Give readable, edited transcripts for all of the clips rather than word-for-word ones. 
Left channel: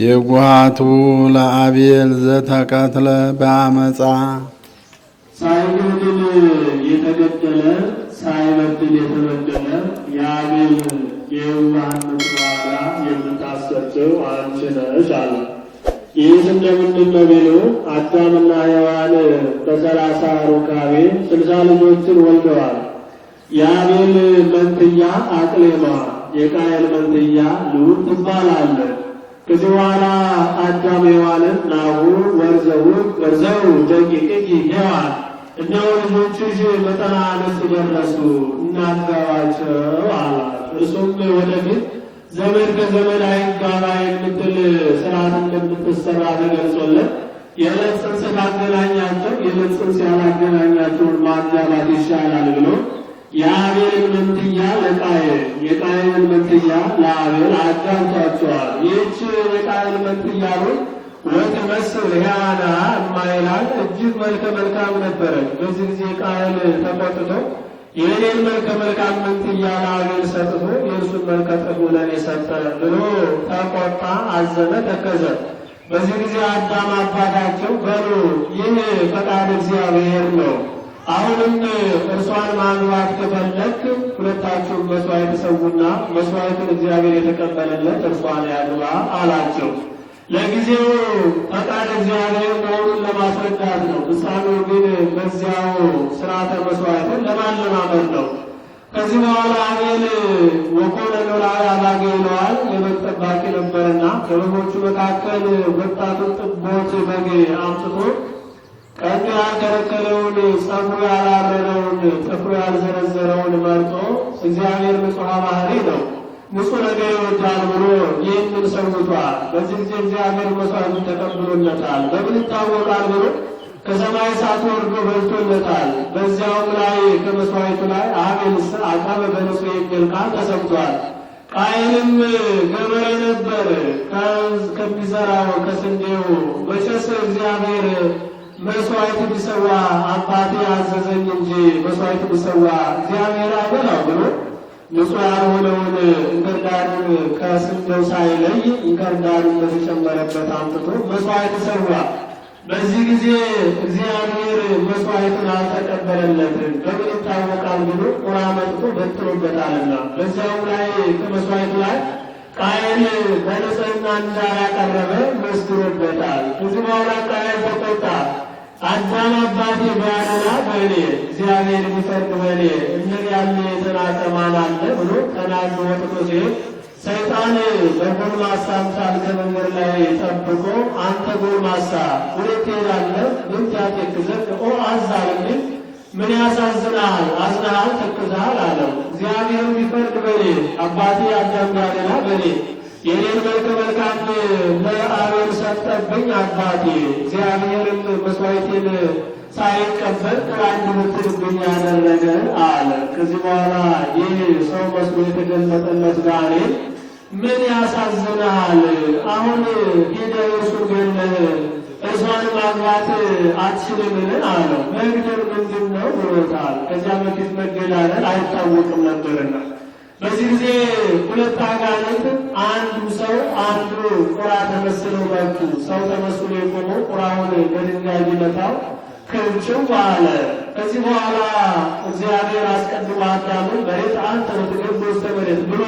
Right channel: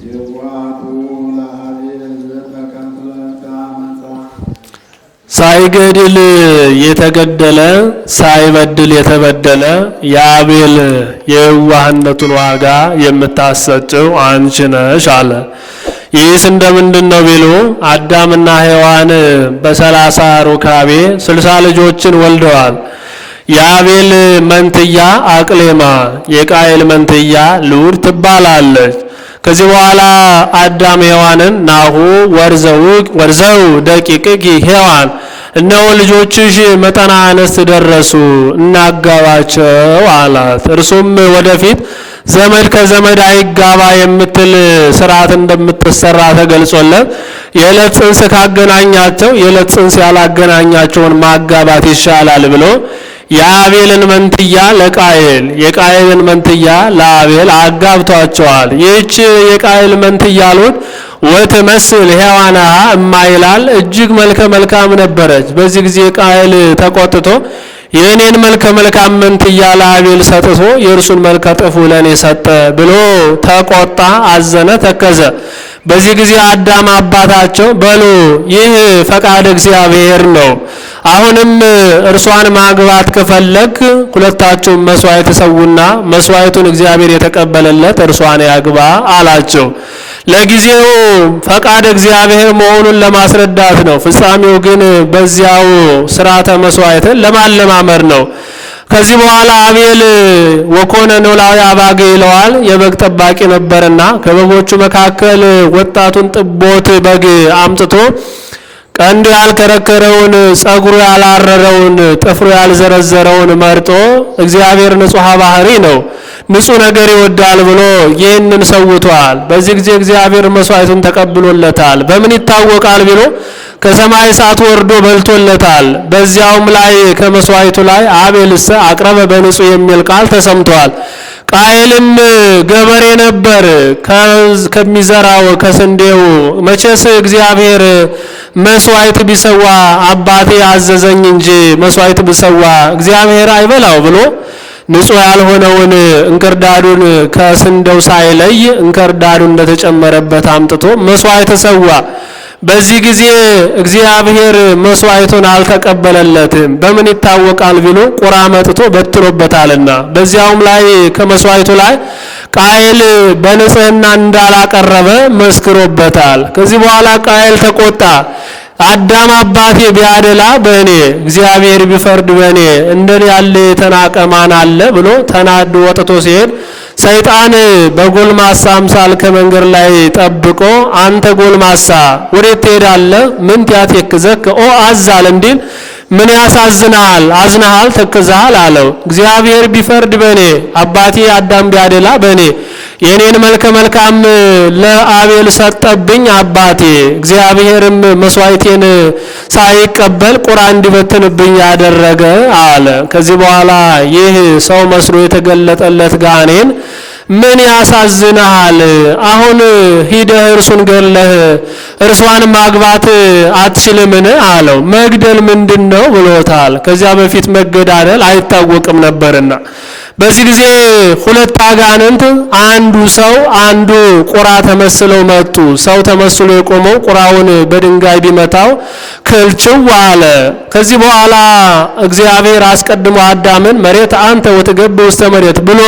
የጓቱ ለአቤል ዘተቀትለ በአመፃ ሳይገድል የተገደለ ሳይበድል የተበደለ የአቤል የዋህነቱን ዋጋ የምታሰጭው አንቺ ነሽ አለ። ይህስ እንደምንድን ነው ቢሉ አዳምና ሔዋን በ30 ሩካቤ 60 ልጆችን ወልደዋል። የአቤል መንትያ አቅሌማ የቃየል መንትያ ልዑድ ትባላለች። ከዚህ በኋላ አዳም ሔዋንን ናሁ ወርዘው ደቂቅኪ ሔዋን እነሆ ልጆችሽ መጠና አነስት ደረሱ እናጋባቸው አላት። እርሱም ወደፊት ዘመድ ከዘመድ አይጋባ የምትል ስርዓት እንደምትሰራ ተገልጾለት የዕለት ጽንስ ካገናኛቸው የዕለት ጽንስ ያላገናኛቸውን ማጋባት ይሻላል ብሎ የአቤልን መንትያ ለቃየል የቃየልን መንትያ ለአቤል አጋብቷቸዋል። ይህች የቃየል መንትያ ልዑድ ወትመስል ሔዋንሃ እማይላል እጅግ መልከ መልካም ነበረች። በዚህ ጊዜ ቃየል ተቆጥቶ የእኔን መልከ መልካም መንትያ ለአቤል ሰጥቶ የእርሱን መልከ ጥፉ ለእኔ ሰጠ ብሎ ተቆጣ፣ አዘነ፣ ተከዘ። በዚህ ጊዜ አዳም አባታቸው በሉ ይህ ፈቃድ እግዚአብሔር ነው፣ አሁንም እርሷን ማግባት ከፈለግ ሁለታችሁም መስዋዕት ተሰውና መስዋዕቱን እግዚአብሔር የተቀበለለት እርሷን ያግባ አላቸው። ለጊዜው ፈቃድ እግዚአብሔር መሆኑን ለማስረዳት ነው። ፍጻሜው ግን በዚያው ስርዓተ መስዋዕትን ለማለማመር ነው። ከዚህ በኋላ አቤል ወኮነ ኖላዊ አባጌ ይለዋል። የበግ ጠባቂ ነበርና ከበጎቹ መካከል ወጣቱን ጥቦት በግ አምጥቶ ቀንዱ ያልከረከረውን ጸጉሩ ያላረረውን ጥፍሩ ያልዘረዘረውን መርጦ እግዚአብሔር ንጹሐ ባህሪ ነው ንጹሕ ነገር ይወዳል ብሎ ይህንን ሰውቷል። በዚህ ጊዜ እግዚአብሔር መስዋዕቱን ተቀብሎለታል። በምን ይታወቃል ቢሎ ከሰማይ እሳት ወርዶ በልቶለታል። በዚያውም ላይ ከመስዋዕቱ ላይ አቤልሰ አቅረበ በንጹሕ የሚል ቃል ተሰምቷል። ቃየልም ገበሬ ነበር። ከሚዘራው ከስንዴው መቼስ እግዚአብሔር መስዋዕት ቢሰዋ አባቴ አዘዘኝ እንጂ መስዋዕት ቢሰዋ እግዚአብሔር አይበላው ብሎ ንጹሕ ያልሆነውን እንክርዳዱን ከስንዴው ሳይለይ እንክርዳዱ እንደተጨመረበት አምጥቶ መስዋዕት ሰዋ። በዚህ ጊዜ እግዚአብሔር መስዋዕቱን አልተቀበለለትም። በምን ይታወቃል ቢሉ ቁራ መጥቶ በትሮበታልና። በዚያውም ላይ ከመስዋዕቱ ላይ ቃየል በንጽህና እንዳላቀረበ መስክሮበታል። ከዚህ በኋላ ቃየል ተቆጣ። አዳም አባቴ ቢያደላ በእኔ እግዚአብሔር ቢፈርድ በእኔ እንደኔ ያለ የተናቀ ማን አለ ብሎ ተናዶ ወጥቶ ሲሄድ ሰይጣን በጎልማሳ አምሳል ከመንገድ ላይ ጠብቆ አንተ ጎልማሳ ወዴት ትሄዳለህ? ምን ያትክዘክ ኦ አዛል እንዲል ምን ያሳዝናል? አዝናሃል፣ ተክዛሃል አለው። እግዚአብሔር ቢፈርድ በእኔ አባቴ አዳም ቢያደላ በእኔ የኔን መልከ መልካም ለአቤል ሰጠብኝ አባቴ። እግዚአብሔርም መስዋዕቴን ሳይቀበል ቁራ እንዲበትንብኝ ያደረገ አለ። ከዚህ በኋላ ይህ ሰው መስሎ የተገለጠለት ጋኔን ምን ያሳዝናል? አሁን ሂደህ እርሱን ገለህ እርሷን ማግባት አትችልምን አለው። መግደል ምንድነው ብሎታል። ከዚያ በፊት መገዳደል አይታወቅም ነበርና። በዚህ ጊዜ ሁለት አጋንንት አንዱ ሰው አንዱ ቁራ ተመስለው መጡ። ሰው ተመስሎ የቆመው ቁራውን በድንጋይ ቢመታው ክልችው አለ። ከዚህ በኋላ እግዚአብሔር አስቀድሞ አዳምን መሬት አንተ ወትገብ ውስተ መሬት ብሎ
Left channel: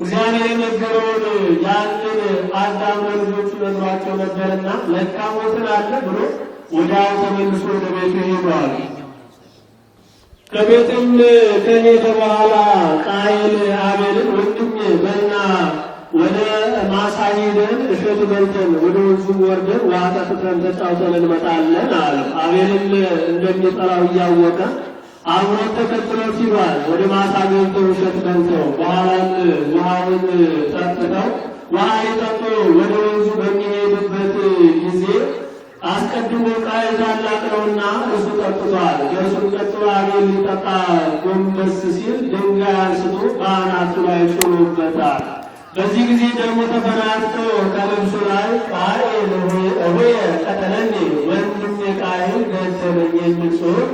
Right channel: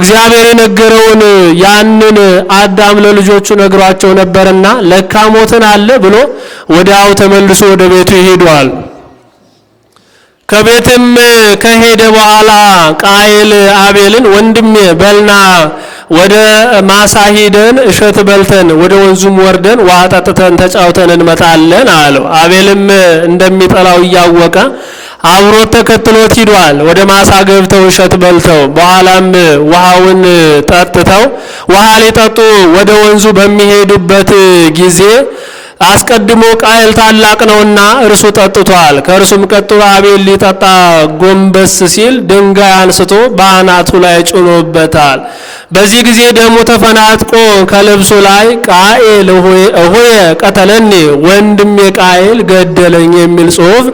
እግዚአብሔር የነገረውን ያንን አዳም ለልጆቹ ነግሯቸው ነበርና ለካ ሞትን አለ ብሎ ወዲያው ተመልሶ ወደ ቤቱ ይሄዳል። ከቤትም ከሄደ በኋላ ቃየል አቤልን ወንድሜ በልና ወደ ማሳ ሄደን እሸት በልተን ወደ ወንዙም ወርደን ውሃ ጠጥተን ተጫውተን እንመጣለን አለው። አቤልም እንደሚጠላው እያወቀ አብሮት ተከትሎት ሂዷል። ወደ ማሳ ገብተው እሸት በልተው በኋላም ውሃውን ጠጥተው ውሃ ሊጠጡ ወደ ወንዙ በሚሄዱበት ጊዜ አስቀድሞ ቃየል ታላቅ ነውና እርሱ ጠጥቷል። ከእርሱም ቀጥሎ አቤል ሊጠጣ ጎንበስ ሲል ድንጋይ አንስቶ በአናቱ ላይ ጭኖበታል። በዚህ ጊዜ ደሙ ተፈናጥቆ ከልብሱ ላይ ቃየል ሆየ ቀተለኒ ወንድሜ ቃየል ገደለኝ የሚል ጽሑፍ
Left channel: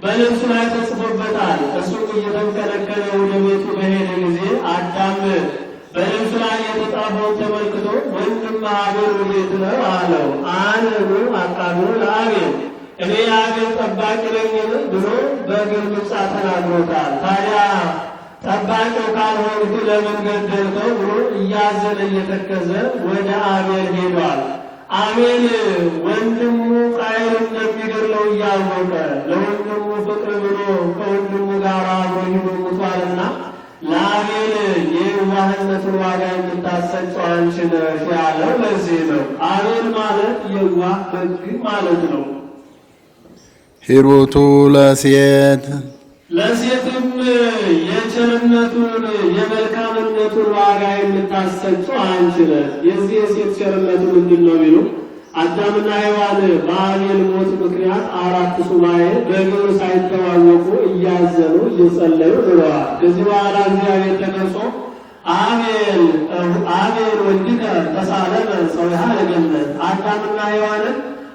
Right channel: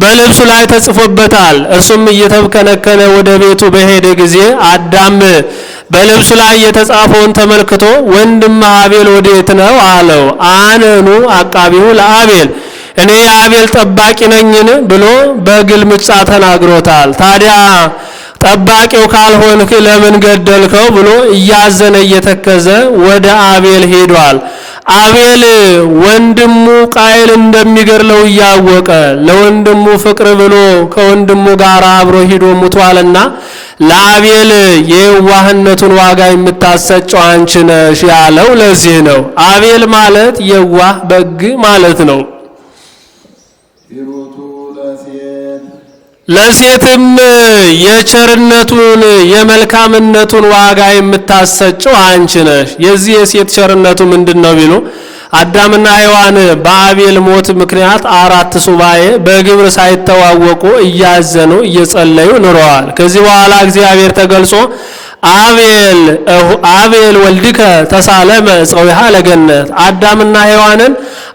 በልብሱ ላይ ተጽፎበታል። እርሱም እየተብከነከነ ወደ ቤቱ በሄደ ጊዜ አዳም በልብሱ ላይ የተጻፈውን ተመልክቶ ወንድም አቤል ወዴት ነው አለው። አነኑ አቃቢሁ ለአቤል እኔ የአቤል ጠባቂ ነኝን ብሎ በግልምጫ ተናግሮታል። ታዲያ ጠባቂው ካልሆንክ ለምን ገደልከው ብሎ እያዘነ እየተከዘ ወደ አቤል ሄዷል። አቤል ወንድሙ ቃየል እንደሚገድለው እያወቀ ለወንድሙ ፍቅር ብሎ ከወንድሙ ጋር አብሮ ሂዶ ሙቷልና ለአቤል የዋህነቱን ዋጋ የምታሰጨው አንቺ ነሽ ያለው ለዚህ ነው። አቤል ማለት የዋህ በግ ማለት ነው። ሂሩቱ ለሴት ለሴትም የቸርነቱን የመልካምነቱን ዋጋ የምታሰጨው አንቺ ነሽ። የዚህ የሴት ቸርነቱ ምንድነው ቢሉ አዳምና ሔዋን በአቤል ሞት ምክንያት 4 ሱባኤ በግብር ሳይተዋወቁ እያዘኑ እየጸለዩ ኑረዋል። ከዚህ በኋላ እግዚአብሔር ተገልጾ አቤል ወልድከ ተሳለመ ጸዊሃ ለገነት አዳምና ሔዋንን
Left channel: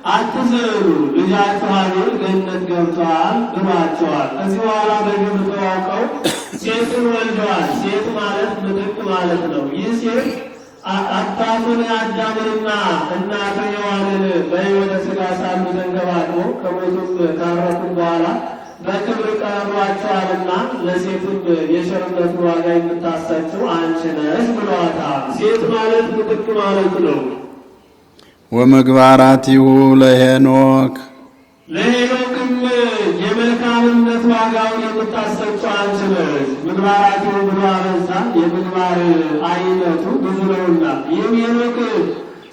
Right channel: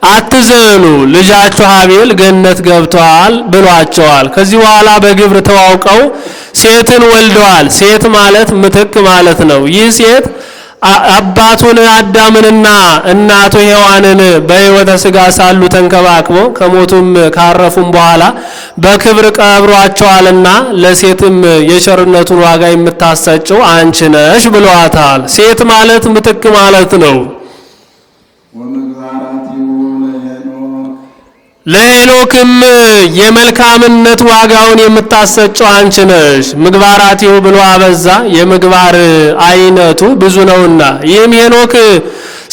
አትዘኑ ልጃችሁ አቤል ገነት ገብቷል ብሏቸዋል። ከዚህ በኋላ በግብር ተዋውቀው ሴትን ወልደዋል። ሴት ማለት ምትክ ማለት ነው። ይህ ሴት አባቱን አዳምንና እናቱ ሔዋንን በሕይወተ ሥጋ ሳሉ ተንከባክቦ ከሞቱም ካረፉም በኋላ በክብር ቀብሯቸዋልና ለሴትም የቸርነቱን ዋጋ የምታሰጨው አንቺ ነሽ ብሏታል። ሴት ማለት ምትክ ማለት ነው። ወምግባራቲሁ ለሄኖክ ለሄኖክም የመልካምነት ዋጋውን የምታሰጨው አንቺ ነሽ። ምግባራቲሁ ብሎ አበዛ፣ የምግባር አይነቱ ብዙ ነውና። ይህም ሄኖክ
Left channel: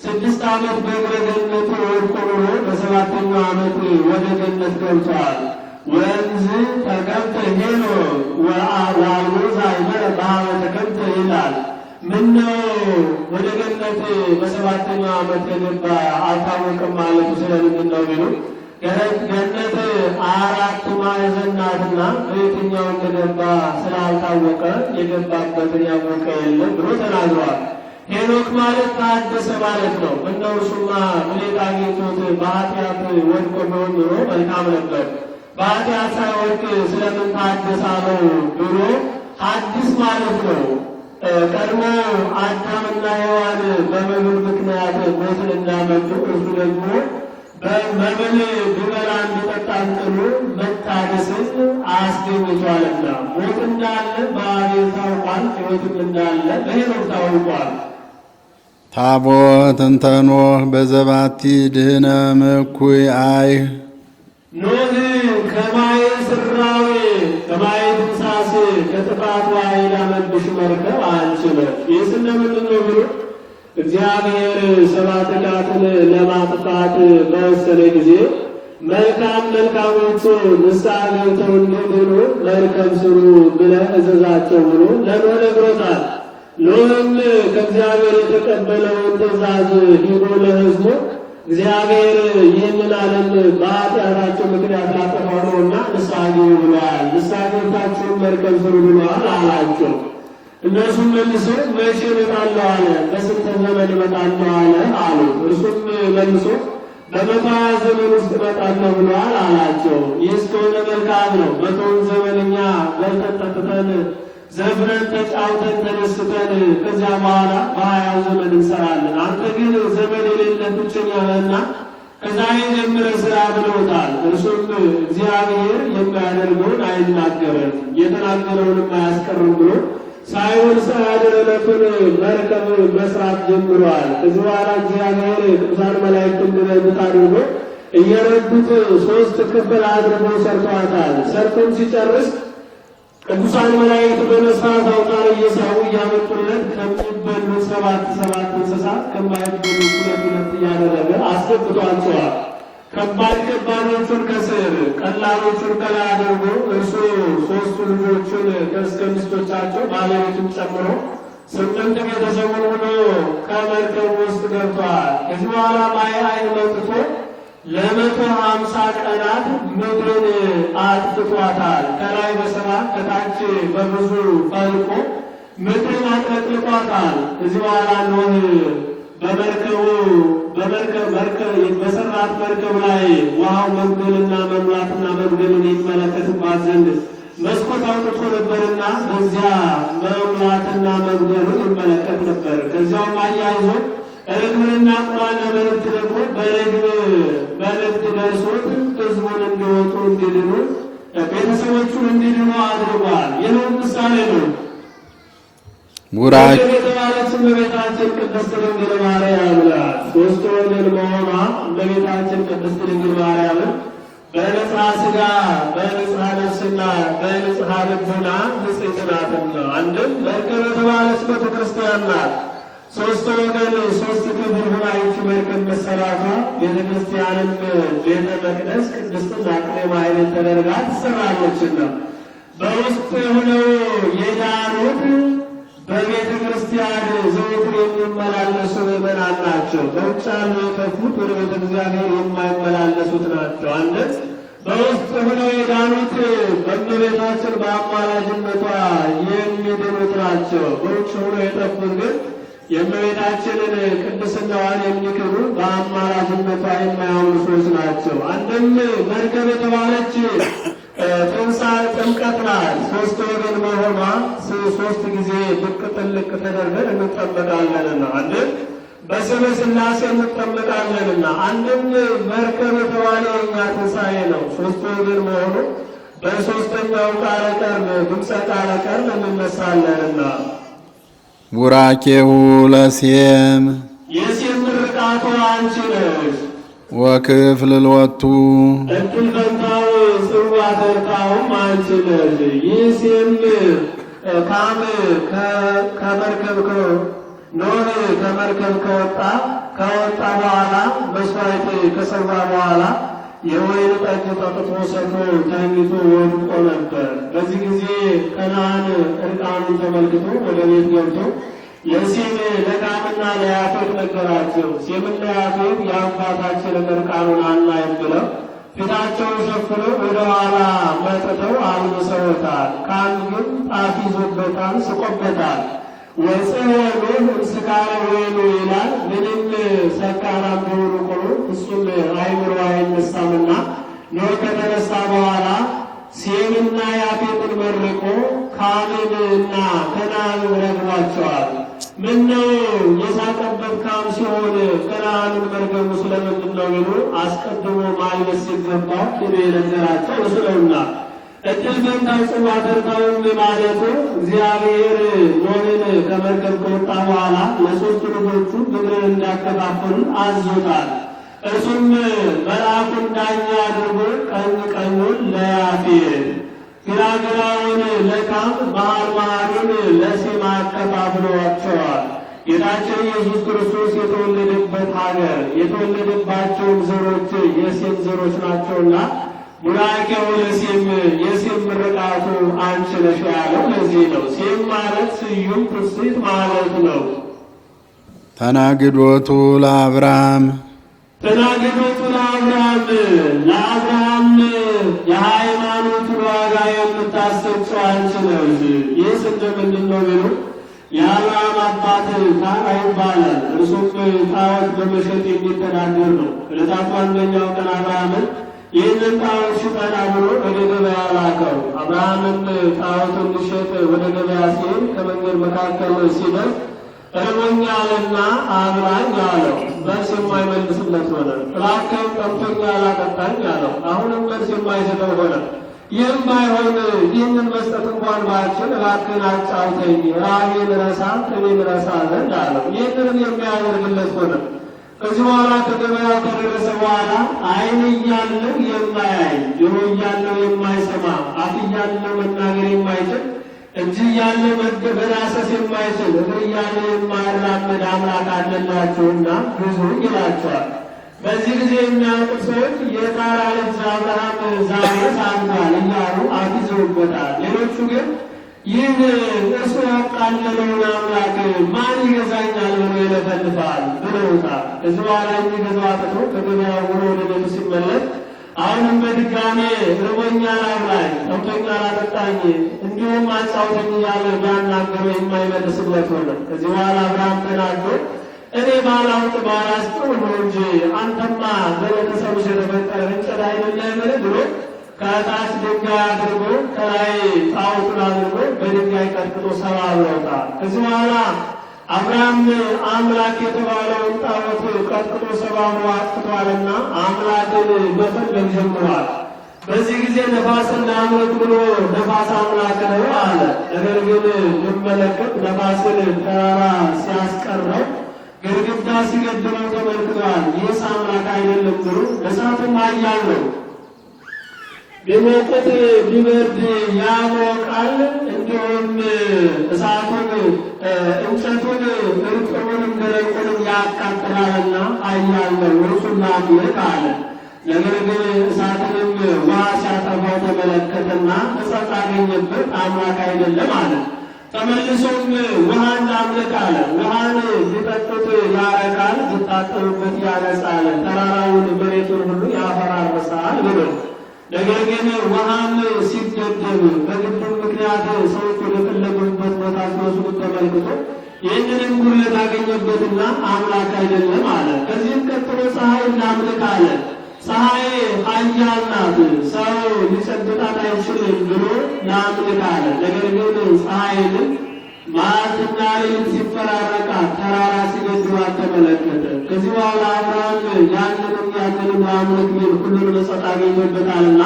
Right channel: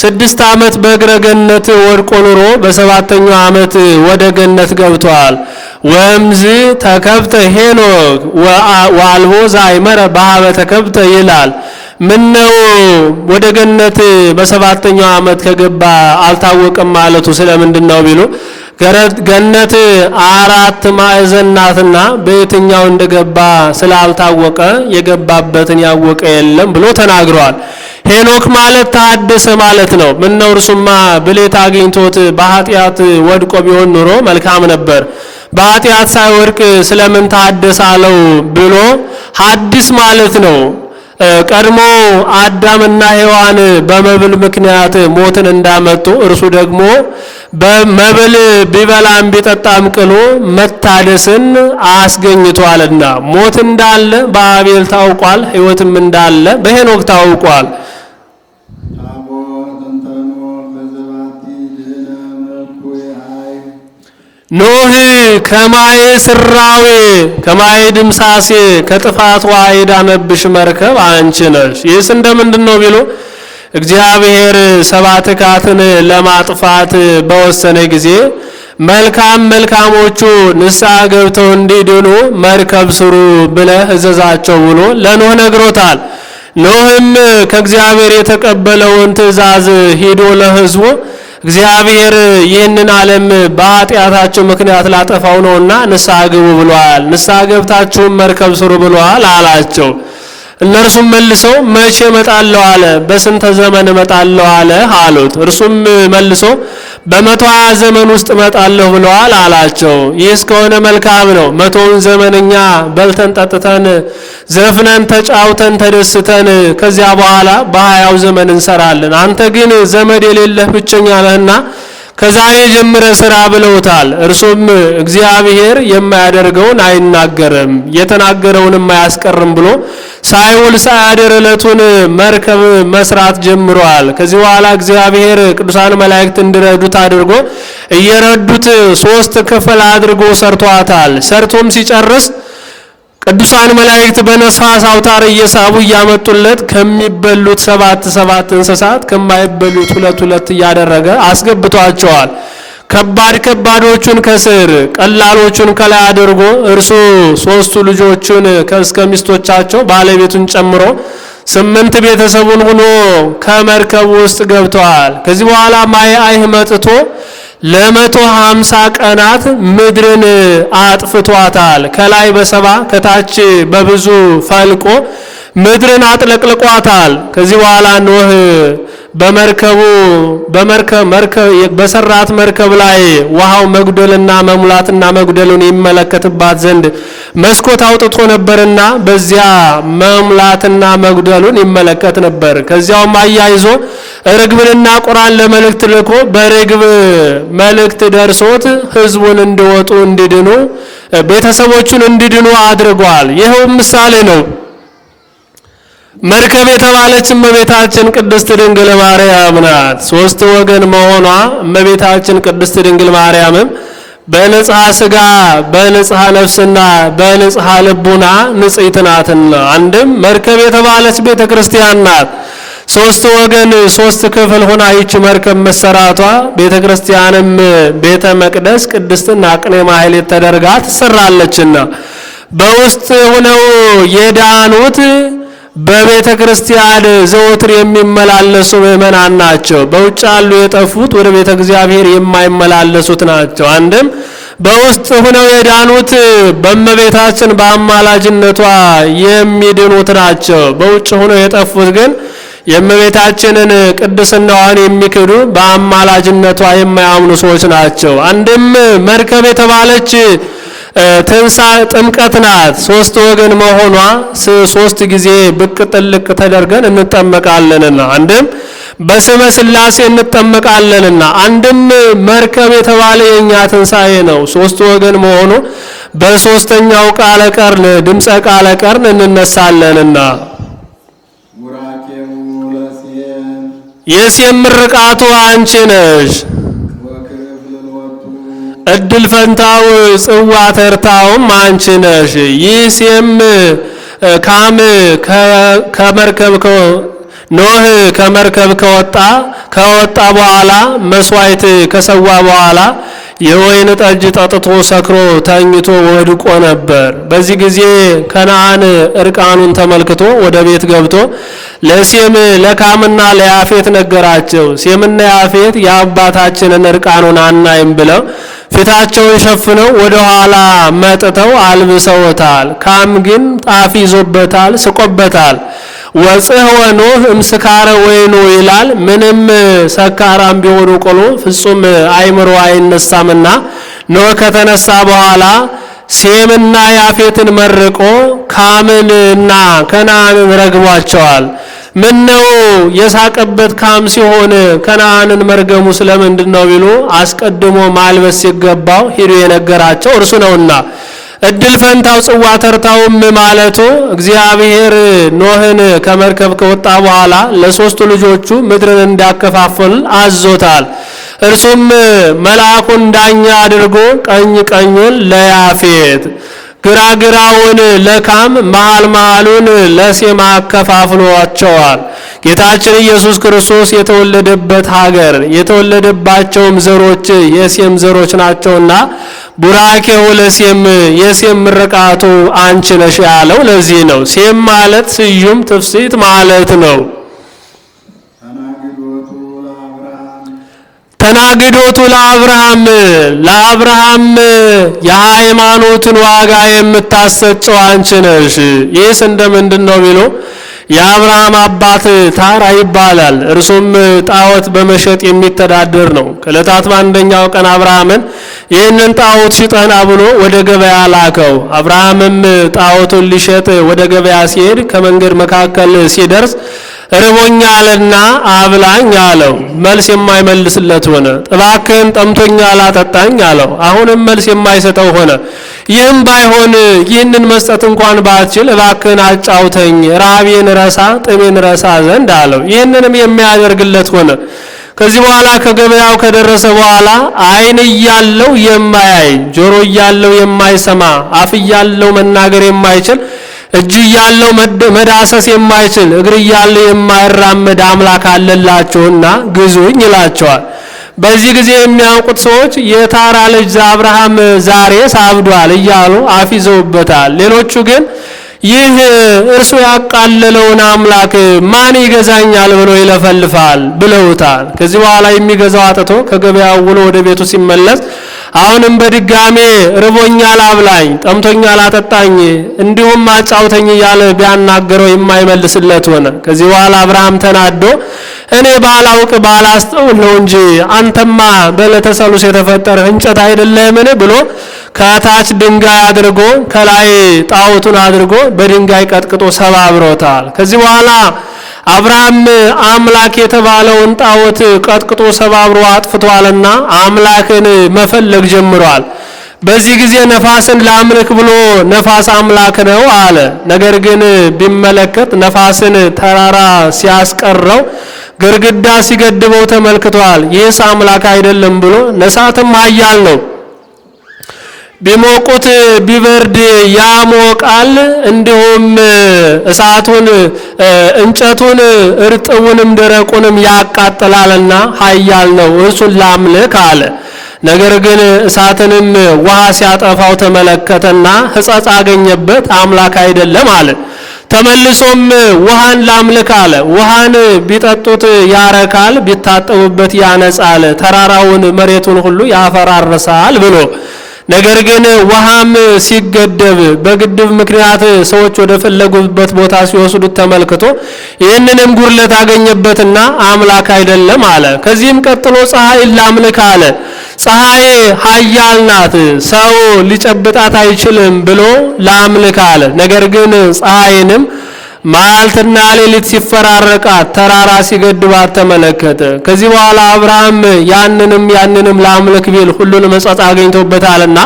6 ዓመት በእግረ ገነት ወድቆ ኑሮ በ7ኛው ዓመት ወደ ገነት ገብቷል። ወምዝ ተከብተ ሄኖክ ወአልቦ ዘአይመረ በኀበ ተከብተ ይላል። ምነው ወደ ገነት በ7ኛው ዓመት ከገባ አልታወቀም ማለቱ ስለምንድን ነው ቢሉ ገነት 4 ማዕዘን ናትና በየትኛው እንደገባ ስላልታወቀ የገባበትን ያወቀ የለም ብሎ ተናግሯል። ሄኖክ ማለት ታደሰ ማለት ነው። ምነው እርሱማ ብሌት አግኝቶት በኃጢአት ወድቆ ቢሆን ኑሮ መልካም ነበር። በኃጢአት ሳይወድቅ ስለምን ታደሰ አለው ብሎ ሐዲስ ማለት ነው። ቀድሞ አዳምና ሔዋን በመብል ምክንያት ሞትን እንዳመጡ እርሱ ደግሞ በመብል ቢበላም ቢጠጣም ቅሎ መታደስን አስገኝቷልና ሞት እንዳለ በአቤል ታውቋል፣ ሕይወትም እንዳለ በሄኖክ ታውቋል። ታቦት እንተ ኖህ በዘባቲ ድህነ እኩይ አይ ኖህ ከማየ ስራዌ ከማየ ድምሳሴ ከጥፋት ውሃ የዳነብሽ መርከብ አንቺ ነሽ። ይህስ እንደምንድን ነው ቢሉ እግዚአብሔር 7 ካትን ለማጥፋት በወሰነ ጊዜ መልካሞቹ ንስሐ ገብተው እንዲድኑ መርከብ ስሩ ብለህ እዘዛቸው ብሎ ለኖህ ነግሮታል። ኖህም ከእግዚአብሔር የተቀበለውን ትእዛዝ ሂዶ ለሕዝቡ እግዚአብሔር ይህንን ዓለም በኃጢአታቸው ምክንያት ላጠፋው ነውና ንስሐ ግቡ ብሏል። ንስሐ ገብታችሁም መርከብ ስሩ ብሏል አላቸው። እነርሱም መልሰው መቼ እመጣለሁ አለ፣ በስንተ ዘመን እመጣለሁ አለ አሉት። እርሱም መልሶ በ120 ዘመን ውስጥ እመጣለሁ ብለዋል አላቸው። ይህስ ከሆነ መልካም ነው። 100ውን ዘመን እኛ በልተን ጠጥተን ዘፍነን ተጫውተን ተደስተን ከዚያ በኋላ በ20ው ዘመን እንሰራለን። አንተ ግን ዘመድ የሌለህ ብቸኛ ነህና ከዛሬ ጀምረ ስራ ብለውታል። እርሱም እግዚአብሔር የማያደርገውን አይናገርም የተናገረውንም አያስቀርም ብሎ ሳይውል ሳያድር ዕለቱን መርከብ መስራት ጀምሯል። ከዚህ በኋላ እግዚአብሔር ቅዱሳን መላእክት እንዲረዱት አድርጎ እየረዱት 3 ክፍል አድርጎ ሰርቷታል። ሰርቶም ሲጨርስ ቅዱሳን መላእክት በነፋስ አውታር እየሳቡ እያመጡለት ከሚበሉት 7 እንስሳት ከማይበሉት 2 እያደረገ አስገብቷቸዋል። ከባዶቹን ከስር ቀላሎቹን ከላይ አድርጎ እርሱ 3 ልጆቹን ከእስከ ሚስቶቻቸው ባለቤቱን ጨምሮ 8 ቤተሰቡን ሆኖ ከመርከቡ ውስጥ ገብተዋል። ከዚህ በኋላ ማየ አይህ መጥቶ ለ150 ቀናት ምድርን አጥፍቷታል። ከላይ በ70 ከታች በብዙ ፈልቆ ምድርን አጥለቅልቋታል። ከዚህ በኋላ ኖህ በሰራት መርከብ ላይ ውሃው መጉደልና መሙላትና መጉደሉን ይመለከትባት ዘንድ መስኮት አውጥቶ ነበርና በዚያ መምላትና መጉደሉን ይመለከት ነበር። ከዚያውም አያይዞ ርግብንና ቁራን ለመልእክት ልኮ በርግብ መልእክት ደርሶት ሕዝቡን እንዲወጡ እንዲድኑ ቤተሰቦቹን እንዲድኑ አድርጓል። ይኸው ምሳሌ ነው። መርከብ የተባለች እመቤታችን ቅድስት ድንግል ማርያም ናት። ሶስት ወገን መሆኗ እመቤታችን ቅድስት ድንግል ማርያምም በንጽሐ ሥጋ በንጽሐ ነፍስና በንጽሐ ልቡና ንጽሕት ናትና አንድም መርከብ የተባለች ቤተ ክርስቲያን ናት። ሶስት ወገን ሶስት ክፍል ሆና ይች መርከብ መሰራቷ ቤተ ክርስቲያንም ቤተ መቅደስ ቅድስትና ቅኔ ማህሌት ተደርጋ ትሰራለችና በውስጥ ሆነው የዳኑት በቤተ ክርስቲያን ዘወትር የሚመላለሱ ምእመናን ናቸው። በውጭ ያሉ የጠፉት ወደ ቤተ እግዚአብሔር የማይመላለሱት ናቸው። አንድም በውስጥ ሆነው የዳኑት በእመቤታችን በአማላጅነቷ የሚድኑት ናቸው። በውጭ ሆነው የጠፉት ግን የእመቤታችንን ቅድስናዋን የሚክዱ በአማላጅነቷ የማያምኑ ሰዎች ናቸው። አንድም መርከብ የተባለች ጥምቀት ናት። ሶስት ወገን መሆኗ ሶስት ጊዜ ብቅ ጥልቅ ተደርገን እንጠመቃለንና አንድም በስመ ሥላሴ እንጠመቃለንና አንድም መርከብ የተባለ የኛ ትንሣኤ ነው። ሶስት ወገን መሆኑ በሶስተኛው ቃለ ቀርን ድምፀ ቃለ ቀርን እንነሳለንና ቡራኬሁ ለሴም የሴም ምርቃቱ አንቺ ነሽ። ወክፍል ልወቱ እድል ፈንታው ጽዋ ተርታውም አንቺ ነሽ። ይህ ሴም ካም ከመርከብ ኖህ ከመርከብ ከወጣ በኋላ መስዋዕት ከሰዋ በኋላ የወይን ጠጅ ጠጥቶ ሰክሮ ተኝቶ ወድቆ ነበር። በዚህ ጊዜ ከነዓን እርቃኑን ተመልክቶ ወደ ቤት ገብቶ ለሴም ለካምና ለያፌት ነገራቸው። ሴምና ያፌት የአባታችንን እርቃኑን አናይም ብለው ፊታቸውን ሸፍነው ወደ ኋላ መጥተው አልብሰውታል። ካም ግን ጣፍ ይዞበታል፣ ስቆበታል። ወጽሕወ ኖህ እምስካረ ወይኑ ይላል። ምንም ሰካራም ቢሆኑ ቆሎ ፍጹም አይምሮ አይነሳምና ኖህ ከተነሳ በኋላ ሴምና ያፌትን መርቆ ካምንና ከነዓንን ረግቧቸዋል። ምን ነው የሳቀበት ካም ሲሆን ከነዓንን መርገሙ ስለምንድን ነው ቢሉ አስቀድሞ ማልበስ ሲገባው ሂዶ የነገራቸው እርሱ ነውና እድል ፈንታው ጽዋ ተርታውም ማለቱ እግዚአብሔር ኖህን ከመርከብ ከወጣ በኋላ ለሶስቱ ልጆቹ ምድርን እንዲያከፋፍል አዞታል። እርሱም መልአኩን ዳኛ አድርጎ ቀኝ ቀኙን ለያፌት ግራ ግራውን ለካም መሃል መሃሉን ለሴም አከፋፍሏቸዋል። ጌታችን ኢየሱስ ክርስቶስ የተወለደበት ሀገር የተወለደባቸውም ዘሮች የሴም ዘሮች ናቸውና ቡራኬው ለሴም የሴም ምርቃቱ አንቺ ነሽ ያለው ለዚህ ነው። ሴም ማለት ስዩም ትፍስሕት ማለት ነው። ተናግዶቱ ለአብርሃም ለአብርሃም የሃይማኖትን ዋጋ የምታሰጨው አንቺ ነሽ። ይህስ እንደምንድን ነው ቢሉ የአብርሃም አባት ታራ ይባላል። እርሱም ጣዖት በመሸጥ የሚተዳደር ነው። ከዕለታት በአንደኛው ቀን አብርሃምን ይህንን ጣዖት ሽጠና ብሎ ወደ ገበያ ላከው። አብርሃምም ጣዖቱን ሊሸጥ ወደ ገበያ ሲሄድ ከመንገድ መካከል ሲደርስ ርቦኛልና አብላኝ አለው። መልስ የማይመልስለት ሆነ። እባክህን ጠምቶኛል አጠጣኝ አለው። አሁንም መልስ የማይሰጠው ሆነ። ይህም ባይሆን ይህንን መስጠት እንኳን ባትችል እባክህን አጫውተኝ ረሃቤን ረሳ ጥሜን ረሳ ዘንድ አለው። ይህንንም የሚያደርግለት ሆነ። ከዚህ በኋላ ከገበያው ከደረሰ በኋላ ዓይን እያለው የማያይ ጆሮ እያለው የማይሰማ አፍ እያለው መናገር የማይችል እጅ እያለው መዳሰስ የማይችል እግር እያለው የማይራመድ አምላክ አለላችሁና ግዙኝ ይላቸዋል። በዚህ ጊዜ የሚያውቁት ሰዎች የታራ ልጅ አብርሃም ዛሬ ሳብዷል እያሉ አፍ ይዘውበታል። ሌሎቹ ግን ይህ እርሱ ያቃለለውን አምላክ ማን ይገዛኛል ብሎ ይለፈልፋል ብለውታል። ከዚህ በኋላ የሚገዛው አጥቶ ከገበያው ውሎ ወደ ቤቱ ሲመለስ አሁንም በድጋሜ ርቦኛል አብላኝ፣ ጠምቶኛል አጠጣኝ፣ እንዲሁም አጫውተኝ እያለ ቢያናገረው የማይመልስለት ሆነ። ከዚህ በኋላ አብርሃም ተናዶ እኔ ባላውቅ ባላስተውል ነው እንጂ አንተማ በዕለተ ሰሉስ የተፈጠረ እንጨት አይደለምን ብሎ ከታች ድንጋይ አድርጎ ከላይ ጣዖቱን አድርጎ በድንጋይ ቀጥቅጦ ሰባብሮታል። ከዚህ በኋላ አብርሃም አምላክ የተባለውን ጣዖት ቀጥቅጦ ሰባብሮ አጥፍቷልና አምላክን መፈለግ ጀምሯል። በዚህ ጊዜ ነፋስን ላምልክ ብሎ ነፋስ አምላክ ነው አለ። ነገር ግን ቢመለከት ነፋስን ተራራ ሲያስቀረው ግርግዳ ሲገድበው ተመልክቷል። ይህስ አምላክ አይደለም ብሎ ነሳትም ኃያል ነው፣ ቢሞቁት ቢበርድ ያሞቃል፣ እንዲሁም እሳቱን እንጨቱን እርጥቡንም ደረቁንም ያቃጥላልና ኃያል ነው፣ እርሱን ላምልክ አለ። ነገር ግን እሳትንም ውሃ ሲያጠፋው ተመለከተና ሕጸጽ አገኘበት፣ አምላክ አይደለም አለ። ተመልሶም ውሃን ላምልክ አለ። ውሃን ቢጠጡት ያረካል፣ ቢታጠቡበት ያነጻል፣ ተራራውን መሬቱን ሁሉ ያፈራርሳል ብሎ ነገር ግን ውሃም ሲገደብ በግድብ ምክንያት ሰዎች ወደ ፈለጉበት ቦታ ሲወስዱት ተመልክቶ ይህንንም ጉድለት አገኘበትና አምላክ አይደለም አለ። ከዚህም ቀጥሎ ፀሐይን ላምልክ አለ። ፀሐይ ኃያል ናት፣ ሰው ሊጨብጣት አይችልም ብሎ ላምልክ አለ። ነገር ግን ፀሐይንም ማልትና ሌሊት ሲፈራረቃት ተራራ ሲገድባት ተመለከተ። ከዚህ በኋላ አብርሃም ያንንም ላምልክ ቢል ሁሉንም ሕጸጽ አገኝቶበታልና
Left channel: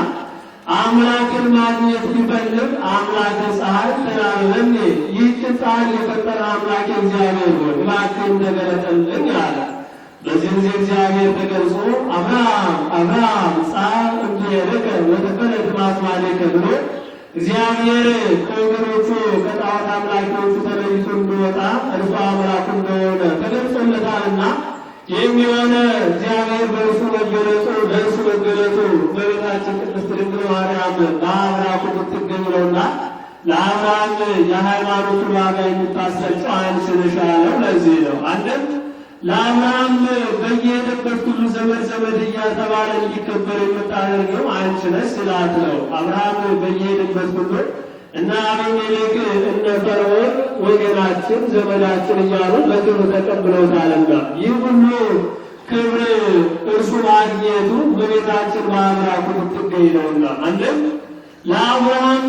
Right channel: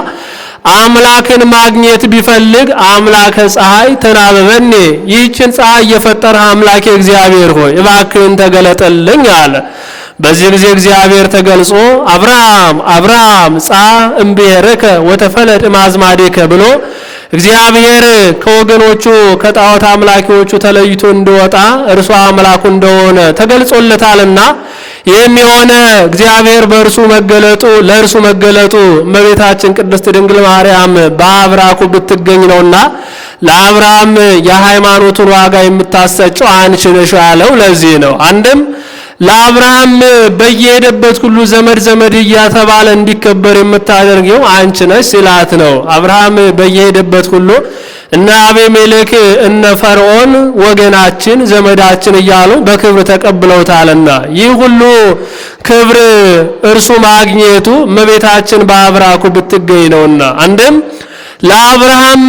አምላክን ማግኘት ቢፈልግ አምላከ ፀሐይ ተናበበኔ፣ ይህችን ፀሐይ የፈጠረ አምላኬ እግዚአብሔር ሆይ እባክህን ተገለጠልኝ አለ። በዚህ ጊዜ እግዚአብሔር ተገልጾ አብርሃም አብርሃም ጻ እምብሔርከ ወተፈለጥ ማዝማዴከ ብሎ እግዚአብሔር ከወገኖቹ ከጣዖት አምላኪዎቹ ተለይቶ እንደወጣ እርሱ አምላኩ እንደሆነ ተገልጾለታልና ይህም የሆነ እግዚአብሔር በእርሱ መገለጡ ለእርሱ መገለጡ እመቤታችን ቅድስት ድንግል ማርያም በአብራኩ ብትገኝ ነውና ለአብርሃም የሃይማኖቱን ዋጋ የምታሰጨው አንቺ ነሽ ያለው ለዚህ ነው። አንድም ለአብርሃም በየሄደበት ሁሉ ዘመድ እያተባለ እንዲከበር የምታደርገው አንቺ ነሽ ሲላት ነው። አብርሃም በየሄደበት ሁሉ እነ አቤሜሌክ እነ ፈርዖን ወገናችን ዘመዳችን እያሉ በክብር ተቀብለውታልና ይህ ሁሉ ክብር እርሱ ማግኘቱ እመቤታችን በአብራኩ ብትገኝ ነውና አንድም ለአብርሃም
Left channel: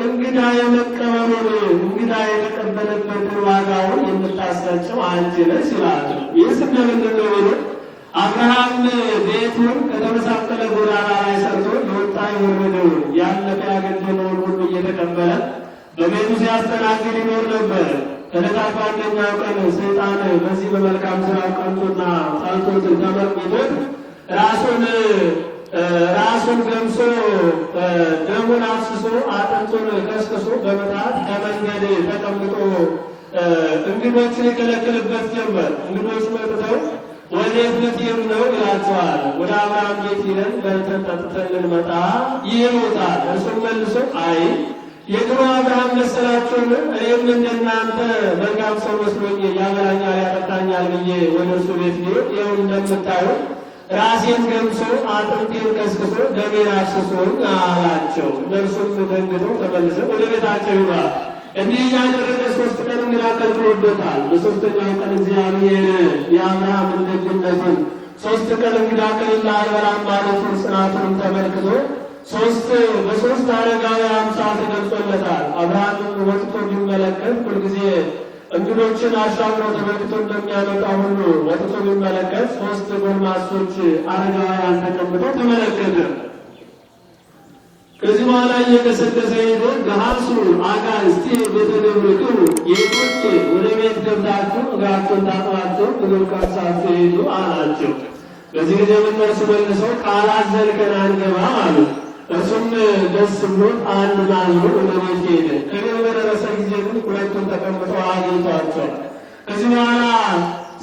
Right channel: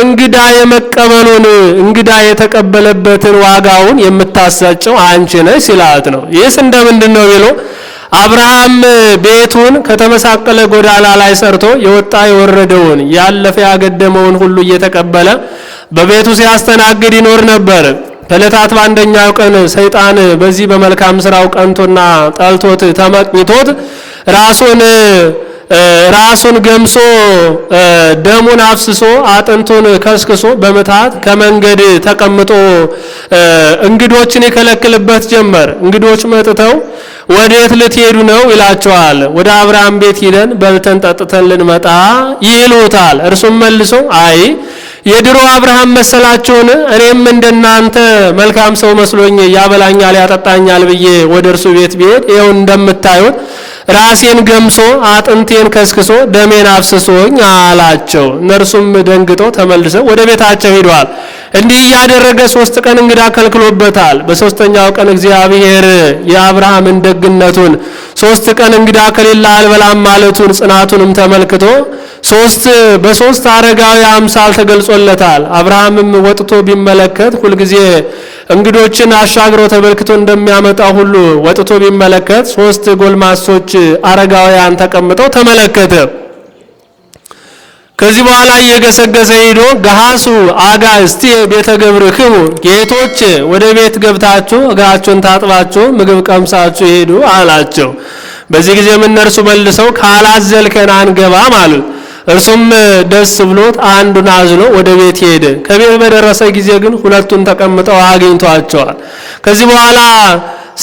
እንግዳ የመቀበሉን እንግዳ የተቀበለበትን ዋጋውን የምታሰጨው አንቺ ነሽ ሲላት ነው። ይህስ እንደምንድን ነው ቢሉ አብርሃም ቤቱን ከተመሳቀለ ጎዳና ላይ ሰርቶ የወጣ የወረደውን ያለፈ ያገደመውን ሁሉ እየተቀበለ በቤቱ ሲያስተናግድ ይኖር ነበር። ከዕለታት በአንደኛው ቀን ሰይጣን በዚህ በመልካም ስራው ቀንቶና ጠልቶት ተመቅኝቶት ራሱን ገምሶ ደሙን አፍስሶ አጥንቱን ከስክሶ በመታት ከመንገድ ተቀምጦ እንግዶችን ይከለክልበት ጀመር። እንግዶች መጥተው ወዴት ልትሄዱ ነው ይላቸዋል። ወደ አብርሃም ቤት ሄደን በልተን ጠጥተን ልንመጣ ይሉታል። እርሱም መልሶ አይ የድሮ አብርሃም መሰላችሁን? እኔም እንደናንተ መልካም ሰው መስሎኝ ያበላኛል ያጠጣኛል ብዬ ወደ እርሱ ቤት ብሄድ ይኸው እንደምታዩት ራሴን ገምሶ አጥንቴን ከስክሶ ደሜን አፍስሶኝ አላቸው። እነርሱም ደንግጠው ተመልሰው ወደ ቤታቸው ሄደዋል። እንዲህ ያደረገ 3 ቀን እንግዳ ከልክሎበታል። በሶስተኛው ቀን እግዚአብሔር የአብርሃምን ደግነቱን 3 ቀን እንግዳ ከሌላ አልበላም ማለቱን ጽናቱንም ተመልክቶ በሶስት አረጋዊ አምሳል ተገልጾለታል። አብርሃምም ወጥቶ ቢመለከት ሁልጊዜ እንግዶችን አሻግሮ ተመልክቶ እንደሚያመጣ ሁሉ ወጥቶ ቢመለከት 3 ጎልማሶች አረጋውያን ተቀምጠው ተመለከተ። ከዚህ በኋላ እየገሰገሰ ሄዶ ገሃሱ አጋእዝቲ ቤተ ገብርክሙ ጌቶች ወደ ቤት ገብታችሁ እግራችሁን ታጥባችሁ ምግብ ቀምሳችሁ ሄዱ አላቸው። በዚህ ጊዜ እነርሱ መልሰው ካላዘልከን አንገባም አሉት። እርሱም ደስ ብሎት አንዱን አዝሎ ወደ ቤት ሄደ። ከቤት በደረሰ ጊዜ ግን ሁለቱን ተቀምጠው አግኝቷቸዋል። ከዚህ በኋላ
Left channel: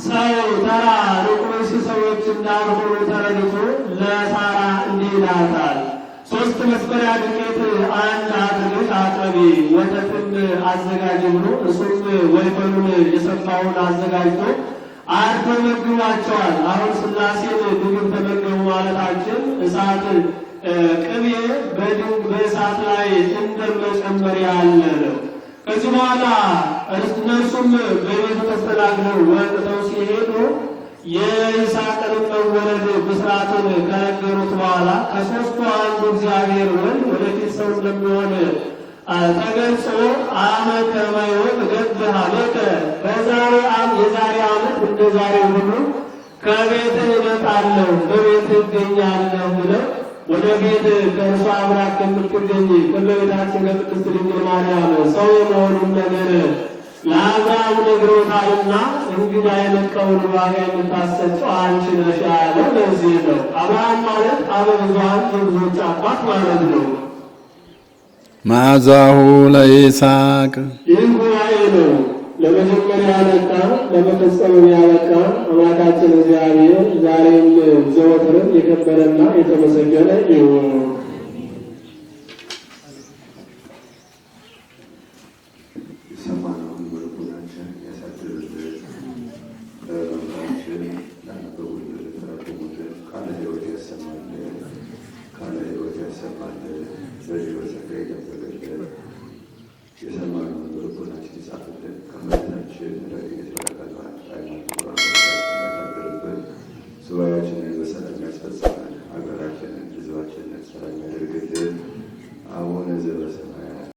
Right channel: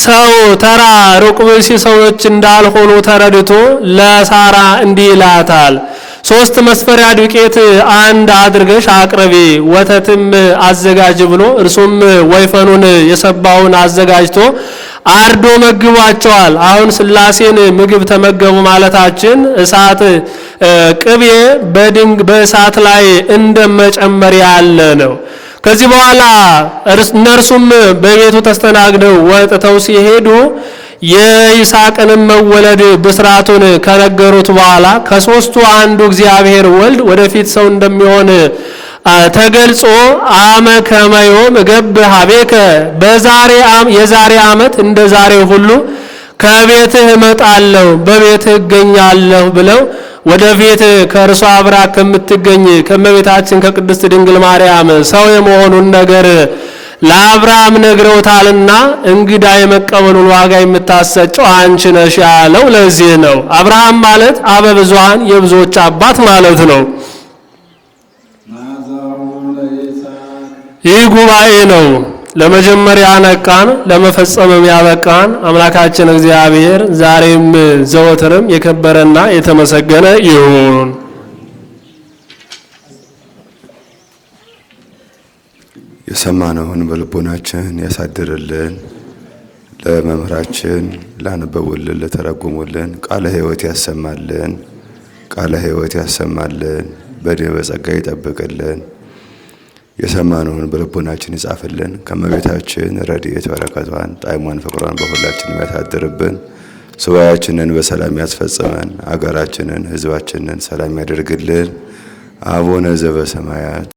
ሰው ተራ ሩቅ ብእሲ ሰዎች እንዳልሆኑ ተረድቶ ለሳራ እንዲህ ይላታል፣ 3 መስፈሪያ ዱቄት አንድ አድርገሽ አቅርቢ፣ ወተትም አዘጋጅ ብሎ እርሱም ወይፈኑን የሰባውን አዘጋጅቶ አርዶ መግቧቸዋል። አሁን ሥላሴን ምግብ ተመገቡ ማለታችን እሳት ቅቤ በእሳት ላይ እንደመጨመር ያለ ነው። ከዚህ በኋላ እነርሱም በቤቱ ተስተናግደው ወጥተው ሲሄዱ የይስሐቅንም መወለድ ብስራቱን ከነገሩት በኋላ ከሦስቱ አንዱ እግዚአብሔር ወልድ ወደፊት ሰው እንደሚሆን ተገልጾ አመ ከመዮም እገብ ሀቤከ የዛሬ ዓመት እንደ ዛሬው ሁሉ ከቤትህ እመጣለሁ በቤትህ እገኛለሁ ብለው ወደፊት ከእርሷ አብራ ከምትገኝ ከእመቤታችን ከቅድስት ድንግል ማርያም ሰው የመሆኑን ነገር ለአብርሃም ነግረውታልና እንግዳ የመቀበሉን ዋጋ የምታሰጨው አንቺ ነሽ ያለው ለዚህ ነው። አብርሃም ማለት አበ ብዙኃን የብዙዎች አባት ማለት ነው። መዓዛሁ ለይስሐቅ ይህ ጉባኤ ነው ለመጀመሪያ ያነቃን ለመፈጸምም ያበቃን አምላካችን እግዚአብሔር ዛሬም ዘወትርም የከበረና የተመሰገነ ይሁን። የሰማነውን በልቦናችን ያሳድርልን። ለመምህራችን ላነበቡልን ለተረጎሙልን ቃለ ሕይወት ያሰማልን። ቃለ ሕይወት ያሰማልን። በድኅ በጸጋ ይጠብቅልን። የሰማነውን በልቦናችን ይጻፍልን። ከእመቤታችን ረድኤት በረከቷን ጣዕሟን ፍቅሯን በሁላችን ያሳድርብን። ሱባኤያችንን በሰላም ያስፈጽመን። አገራችንን ሕዝባችንን ሰላም ያደርግልን። አቡነ ዘበሰማያት